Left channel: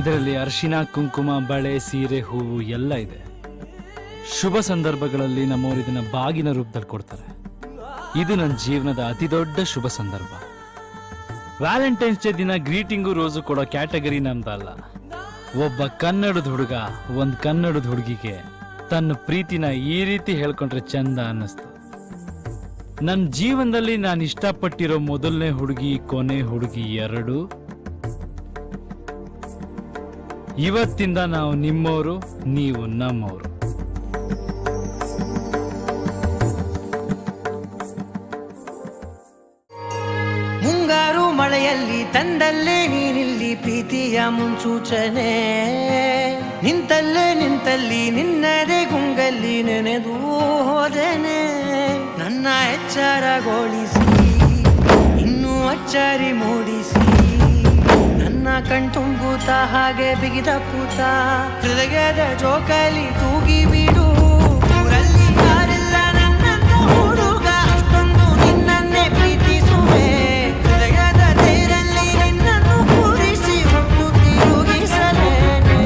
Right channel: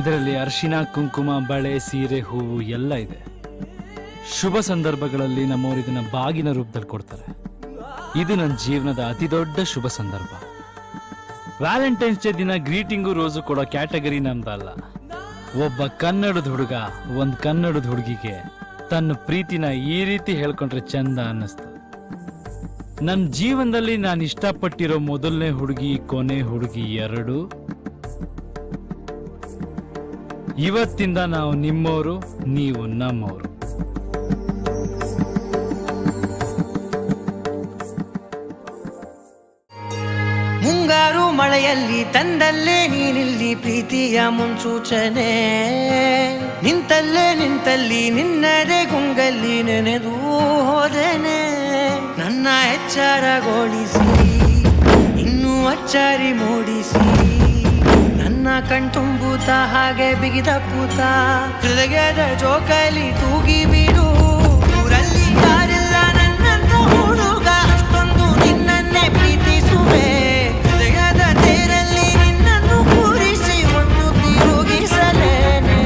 ಇದರಲ್ಲಿ ಅರಿಶಿನ, ಕುಂಕುಮ, ಬಳೆ, ಸೀರೆ, ಹೂವು ಎಲ್ಲ ಇದೆ. ಶುಭ ಸಂದರ್ಭಗಳಲ್ಲಿ ನಮ್ಮವರು ಇದನ್ನ ಬಾಗಿನ ರೂಪದಲ್ಲಿ ಕೊಡ್ತಾರೆ. ಇದು ನನ್ನ ಜೀವನದ ಅತಿ ದೊಡ್ಡ ಶುಭ ಸಂದರ್ಭ. ವ್ಯಾಲೆಂಟೈನ್ಸ್ ಡೇ ದಿನ ಗ್ರೀಟಿಂಗು ರೋಸು ಕೊಡೋ ಕ್ಯಾಟಗರಿ ನಮ್ದಲ್ಲ. ಒಬ್ಬ ಕನ್ನಡದ ಹುಡುಗ ಒಂದ್ ಕನ್ನಡದ ಹುಡುಗಿಗೆ ತನ್ನ ಪ್ರೀತಿನ ಈ ರೀತಿ ಹೇಳ್ಕೊಂಡ್ರೆ ಚಂದ ಅನ್ನಿಸ್ತು. ನನ್ನ ಜೀವನದಲ್ಲಿ ನಾನು ಇಷ್ಟಪಟ್ಟಿರೋ ಮೊದಲನೇ ಹುಡುಗಿ, ಕೊನೆ ಹುಡುಗಿ ಎರಡು. ಇವತ್ತಿಂದ ನಾವು ನಿಮ್ಮವರು, ನೀವು ನಮ್ಮವರು. ಮುಂಗಾರು ಮಳೆಯಲ್ಲಿ ತಂದಲ್ಲೇ ನೀನಿಲ್ಲಿ ಪ್ರೀತಿಯ ಮುನ್ಸೂಚನೆ. ನಿಂತಲ್ಲಿ ನಿನ್ನದೇ ಗುಂಗಲ್ಲಿ ನೆನೆದು ಹೋದೆನೆ. ನನ್ನ ಎಚ್ಚರಗೊಳಿಸಿ ಇನ್ನೂ ಅಚ್ಚರಿ ಮೂಡಿಸಿ ನನ್ನ ಕಣ್ತುಂಬುತ್ತ ಹಾಗೆ ಬಿಗಿದ ಪೂತ ಹೃದಯದ ಜೋಕಾಲಿ ತೂಗಿ ಬಿಡು. ಊರಲ್ಲಿ ಯಾರಿಲ್ಲ ನನ್ನಂತ ಹುಡುಗ, ಅಷ್ಟೊಂದು ನಿನ್ನನ್ನೇ ಪ್ರೀತಿಸುವೆ. ಹೃದಯದ ತೇರಲ್ಲಿ ನಿನ್ನನ್ನು ಕೂರಿಸಿ ಹೊತ್ತು ತಿರುಗಿಸಲೇನೆ.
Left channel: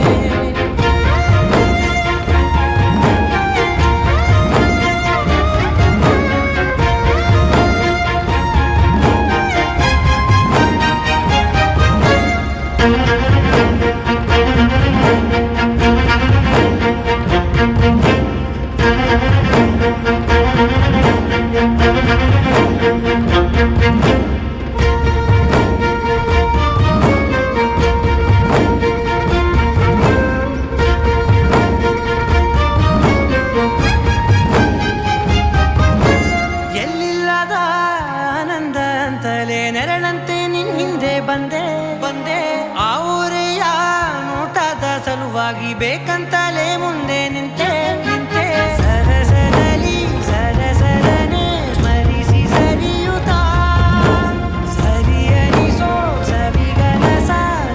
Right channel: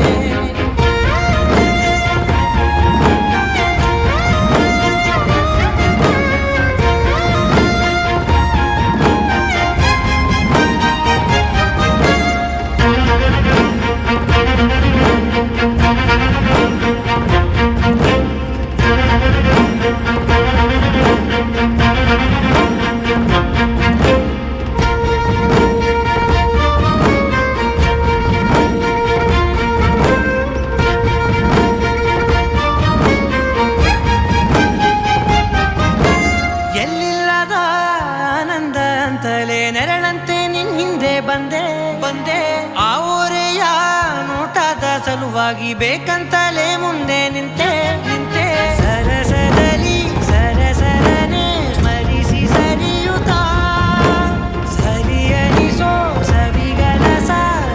ಎಲ್ಲಿಲ್ಲದ ಆನಂದ ಅಂತಲೇ ನೆರಳಂತೆ ನಿನ್ ಹಿಂದೆ ಬಂದೆ. ಆ ಊರೆಯ ನೋಟದ ಸಲುವಾಗಿ ಬೇಕಂತಲೇ ಮುಂದೆ ನಿಂತೆ. ಸರಸದಲ್ಲಿ ಸರಸರನೆ ಸ್ಮರಿಸಿ ಸರಿಯುತ್ತಾ ಸರಿಯನಿಸೋ ಸವಿಗನಸ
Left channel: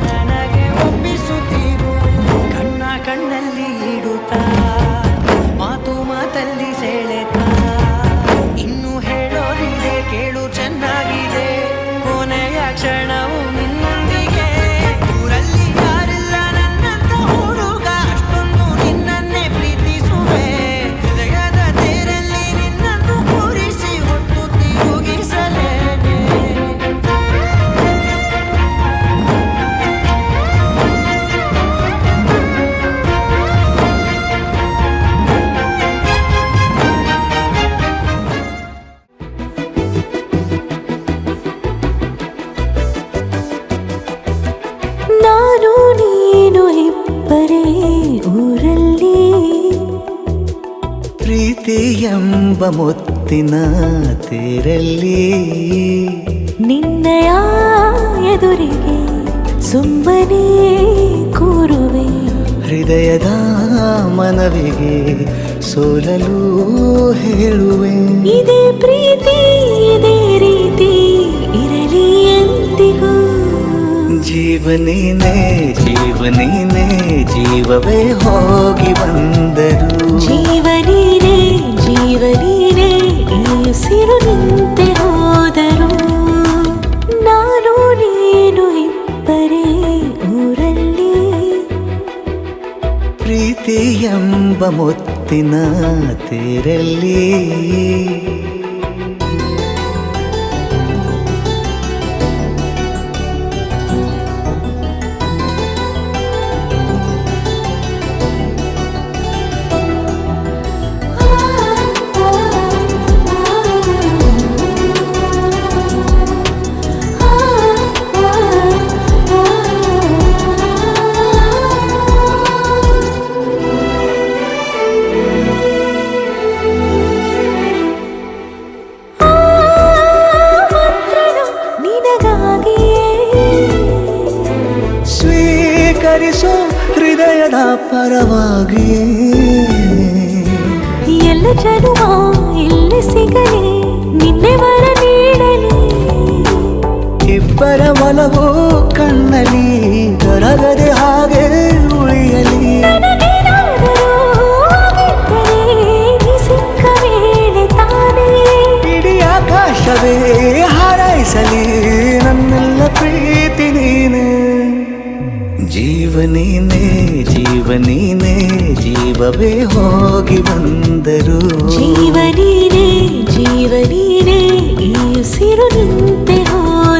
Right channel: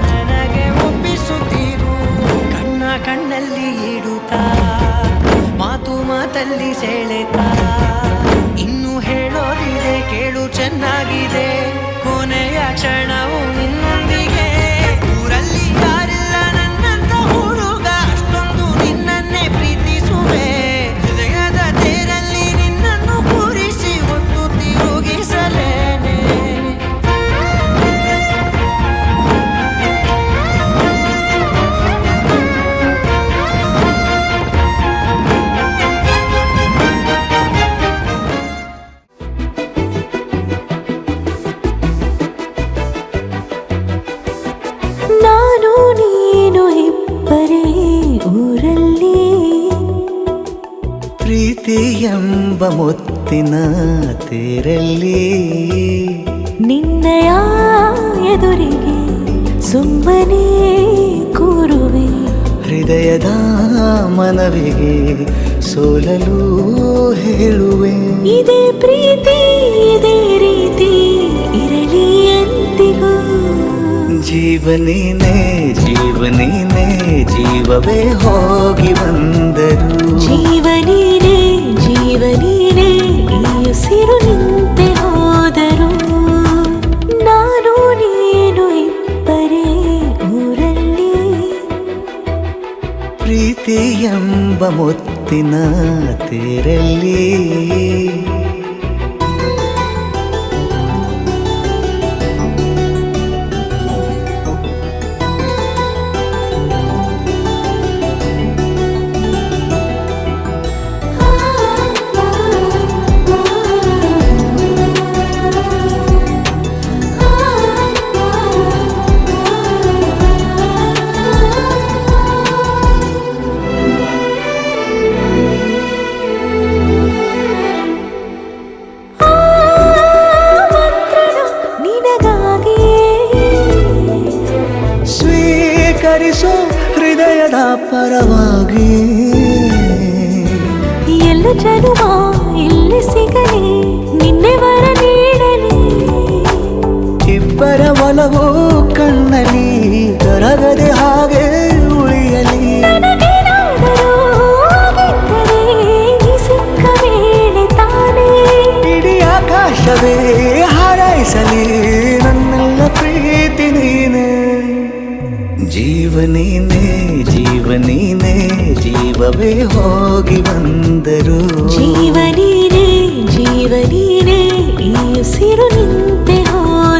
ನನಗೆ ಒಪ್ಪಿಸುತ್ತೀರು. ಕಣ್ಣಲ್ಲಿ ಇಡುತ್ತಾ ಮಾತಲ್ಲಿ ಸೆಳೆತಾ ಇನ್ನು ಹೇಳೋದಿದೆ ಕೇಳು ಚೆನ್ನಾಗಿದೆ. ಕೊನೆಯ ಕ್ಷಣವು ನಿನ್ನೊಂದಿಗೆ. ಊರಲ್ಲಿ ಯಾರಿಲ್ಲ ನನ್ನಂತ ಹುಡುಗ, ಅಷ್ಟೊಂದು ನಿನ್ನನ್ನೇ ಪ್ರೀತಿಸುವೆ. ಹೃದಯದ ತೇರಲ್ಲಿ ನಿನ್ನನ್ನು ಕೂರಿಸಿ ಹೊತ್ತು ತಿರುಗಿಸಲೇನೆ. ನಾನು ನೀನು ಇಬ್ಬರೇ ಊರಲ್ಲಿ, ಪ್ರೀತಿ ಎಂಬ ಮುತ್ತಿನ ತೇರಲ್ಲಿ. ನಿನ್ನಯ ಎದುರಿಗೆ ಸುಮ್ಮನೆ ಕೂರುವೆ. ಹೃದಯದ ಮನವಿಗೆ ಸೋಲಲು ಹೇಳುವೆ. ಇದೇ ಪ್ರೀತಿ ಇದೇ ರೀತಿ ಇರಲಿ ಎಂದಿಗೂ. ಜೀವನೀನೇ ಜೀವವೇ ಹೋಗಿ ಬಂದರು. ಜೀವನೀನೇ ಈ ಉಸಿರು ನಿಂತೆ ಹೋದರು. ನಾನು ನೀನು ಇಬ್ಬರೇ ಊರಲ್ಲಿ, ಪ್ರೀತಿ ಎಂಬ ಮುತ್ತಿನ ತೇರಲ್ಲಿ. ಸ್ವೀಕರಿಸೋ ಹೃದಯದ ಪರವಾಗಿ. ಎಲ್ಲ ಜನುಮ ಇಲ್ಲಿ ಸಿಗಲಿ, ನಿನ್ನೆ ವರ ನೀಡಲಿ. ಇಬ್ಬರ ಒಲವು ಕಣ್ಣಲ್ಲಿ ಕರಗದೆ ಹಾಗೆ ಉಳಿಯಲಿ. ನನಗೇನಾದರೂ ಆಗಿದ್ದರೆ ನೀ ಸಿಕ್ಕ ವೇಳೆ ತಾನೇ ಇಡೀ ಆಕಾಶವೇ ಹಾರೈಸಲಿ ನನ್ನೆಲ್ಲ ಪ್ರೀತಿ ನೀನೆ. ಜೀವನೀನೇ ಜೀವನೀನೇ ಜೀವವೇ ಹೋಗಿ ಬಂದರು ಜೀವನೀನೇ ಜೀವನೀನೇ ಈ ಉಸಿರು ನಿಂತೆ ಹೋದರು